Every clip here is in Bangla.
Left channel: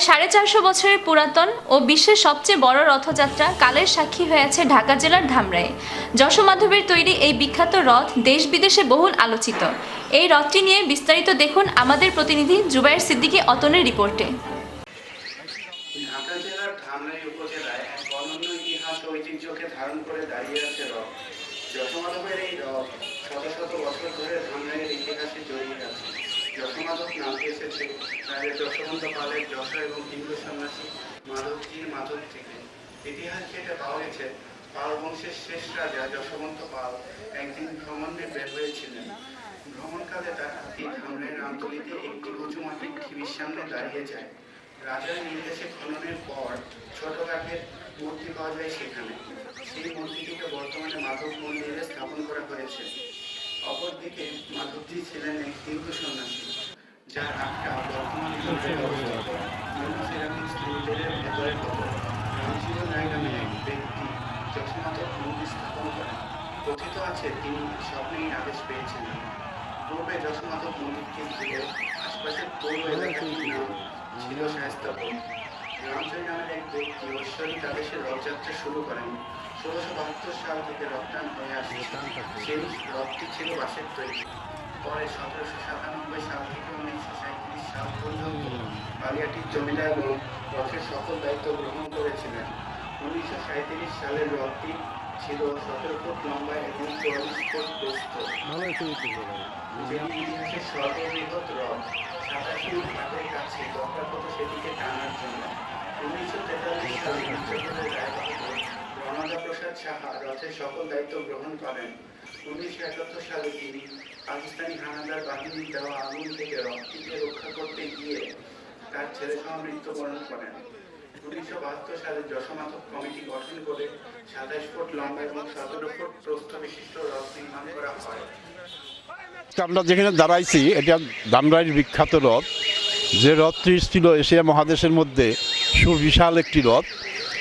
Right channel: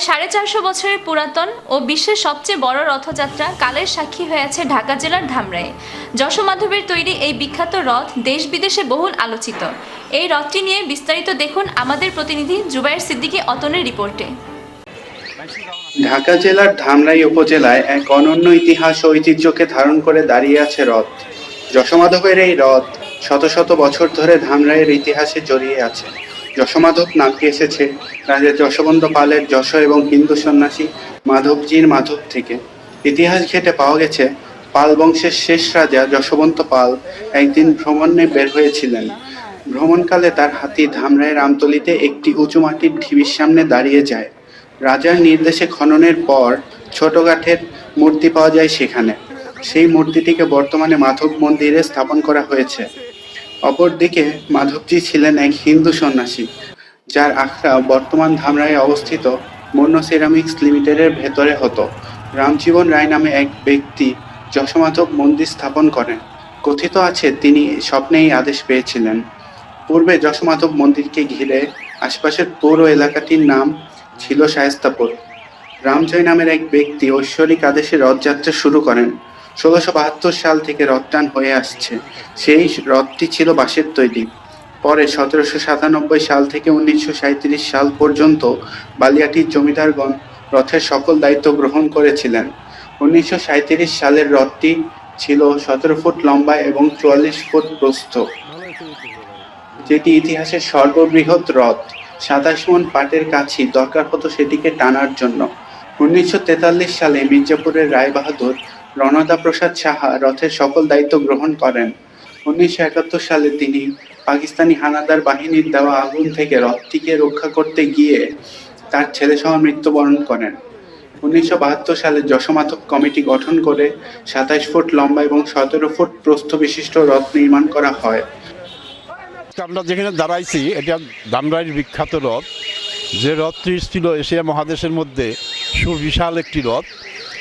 প্রায় সাড়ে চারশো বছরের পুরাতন ও বিশ্বের সবচেয়ে বড় রথযাত্রা কালের সাক্ষী হয়ে আছে ঢাকা জেলার ধামরায়ে যশোমাধবের তৈরি এই বিখ্যাত রথ দেশ বিদেশে বহুল আলোচিত। এই রথটি নিয়ে বিস্তারিত দেখুন আমাদের প্রতিনিধি জুবাইর সিদ্দিকী অতনের রিপোর্টে। ঢাকা জেলার ধামরাই উপজেলায় এক অনন্য ইতিহাস ও ঐতিহ্যকে ধারণ করে দাঁড়িয়ে আছে রথ। যশোমাধবের এই রথ শত শত বছর ধরে ধামরাইয়ের ইতিহাসে জড়িয়ে আছে। যশোমাধব নামটি এসেছে রাজা যশবন্ত পালের যশ এবং হিন্দু সন্ন্যাসী মাধবজির মাধব থেকে। ইতিহাস ঘেটে পাওয়া গেছে, পাল বংশের শেষ রাজা যশবন্ত পাল একদিন ভ্রমণে বের হয়েছিলেন। ভ্রমণকালে তার হাতি ধামরায় রামতলিতে একটি উঁচু মাটির ঢিবির সামনে দাঁড়িয়ে যায়। রাজার নির্দেশে খননের পর ছোট কাঠের মূর্তি পাওয়া যায় সেখানে। সেই মূর্তিটিকে বর্তমানে মাধব মন্দিরে স্থাপন করা হয়েছে। অপরদিকে মাধবজি ছিলেন এক হিন্দু সন্ন্যাসী, যার আখড়া বর্তমান ধামরায় অবস্থিত মন্য সিরামিক্স লিমিটেডের ভেতরে হতো। রামজীবন রায় নামে এক ব্যক্তি যশোমাধব মন্দির স্থাপন করেন। কথিত আছে, তিনি স্বপ্নেই আদেশ পেয়েছিলেন। পূর্বে যশোমাধব মন্দিরকে ঘিরে আশপাশের পৌর এলাকাটির নাম ছিল শায়েস্তাপুর। রামজয় নামের এক ব্যক্তি ঐশ্বরিক আদেশে রথযাত্রা শুরু করেন। ষোলোশো বাহাত্তর সাল থেকে রথটান হয়ে আসছে। সেই রথটি ছিল বাঁশের তৈরি। পরে সতেরোশো সাতানব্বই সাল থেকে উনিশশো সাঁত্রিশ সাল পর্যন্ত বালিয়াটির জমিদারগণ রথের সকল দায়িত্ব গ্রহণ করেছিলেন। উনিশশো সাঁত্রিশ সালের রথটি ছিল সতেরো ফুট লম্বা এবং চুয়াল্লিশ ফুট প্রস্থ। যেটি ইতিহাসের সর্ববৃহৎ রথ। সাতাশ মন পাটের কাছি দরকার হতো সেটিকে টানার জন্য। উনিশশো তেতাল্লিশ সালে মির্জাপুরের রায়বাহাদুর রণদা প্রসাদ সাহা রথের সকল দায়িত্ব গ্রহণ করেন। উনিশশো একাত্তর সালে তিনি পাকিস্তানি হানাদার বাহিনীর দেওয়া আগুন থেকে রথটিকে রক্ষা করতে গিয়ে তার ছেলেসহ মৃত্যুবরণ করেন। উনিশশো বাহাত্তর সালে যশোমাধব কমিটি গঠন করে সাতাশ ফুট লম্বা এবং সতেরো ফুট প্রস্থ বিশিষ্ট রথ নির্মাণ করা হয়। আমরা যেখানে দাঁড়াইছি, এটা দামরাইয়ের বিখ্যাত রথ। যে রথটি ছিল এশিয়া মহাদেশের মধ্যে সুবিশাল একটি রথ।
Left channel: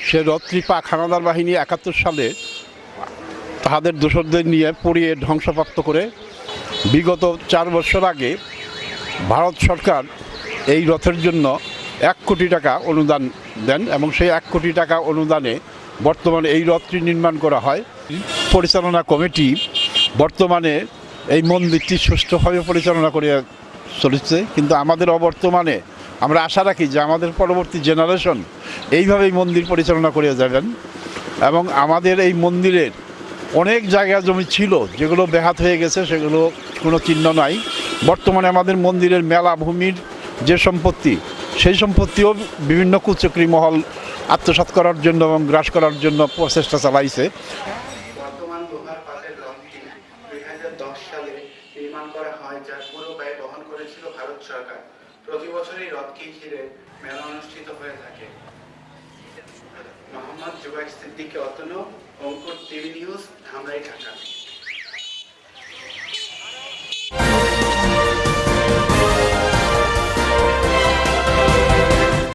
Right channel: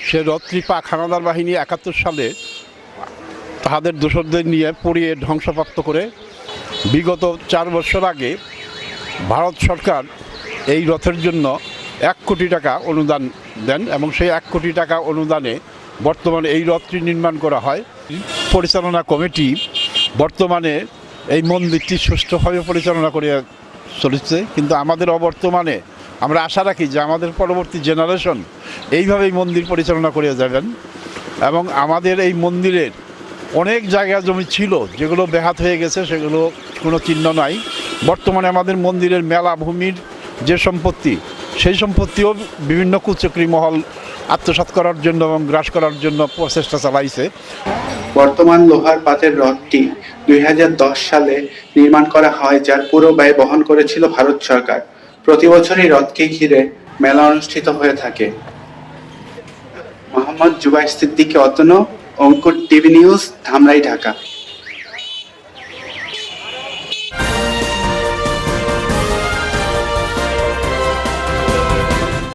সে রথটি পাক হানাদার বাহিনী একাত্তর সালে তাহাদের দোসরদের নিয়ে পড়িয়ে ধ্বংসপ্রাপ্ত করে বিগত চার বছর আগে ভারত সরকার এই রথের জন্য এক কোটি টাকা অনুদান দেন এবং সেই এক কোটি টাকা অনুদানে বর্তমানে এই রথটি নির্মাণ করা হয়। পরিচালনা কমিটি বর্তমানে এই মন্দিরটি সুষ্ঠুভাবে পরিচালনা করে চলেছে, কিন্তু আমাদের অবর্তমানে আমরা আশা রাখি যে আমাদের পরবর্তী জেনারেশন এইভাবেই মন্দির পরিচালনা করে যাবেন এবং আমাদের এই মন্দিরের অনেক জায়গা জমি ছিল, যেগুলো ব্যাহাত হয়ে গেছে, সেগুলো কোনো চিহ্ন নাই। বর্তমানে আমাদের মন্দিরের মেলা ভূমির যে সম্পত্তি, সেই সম্পত্তিও বিভিন্ন কুচক্রি মহল আত্মসাৎ করার জন্য এবং গ্রাস করার জন্য প্রচেষ্টা চালাইছে। বর্তমান লোহার পাতের রথটি দুই হাজার দশ সালে নির্মাণ করা হয়, যার পুরো ব্যয় বহন করেছিল ভারত সরকার। প্রতি বছরই হ্রদকে ঘিরে মেলা অনুষ্ঠিত হয়ে থাকে। মোহাম্মদ জুবাই সিদ্দিকী অতন, অঙ্কুর টিভি নিউজ, ধামরাই, ঢাকা।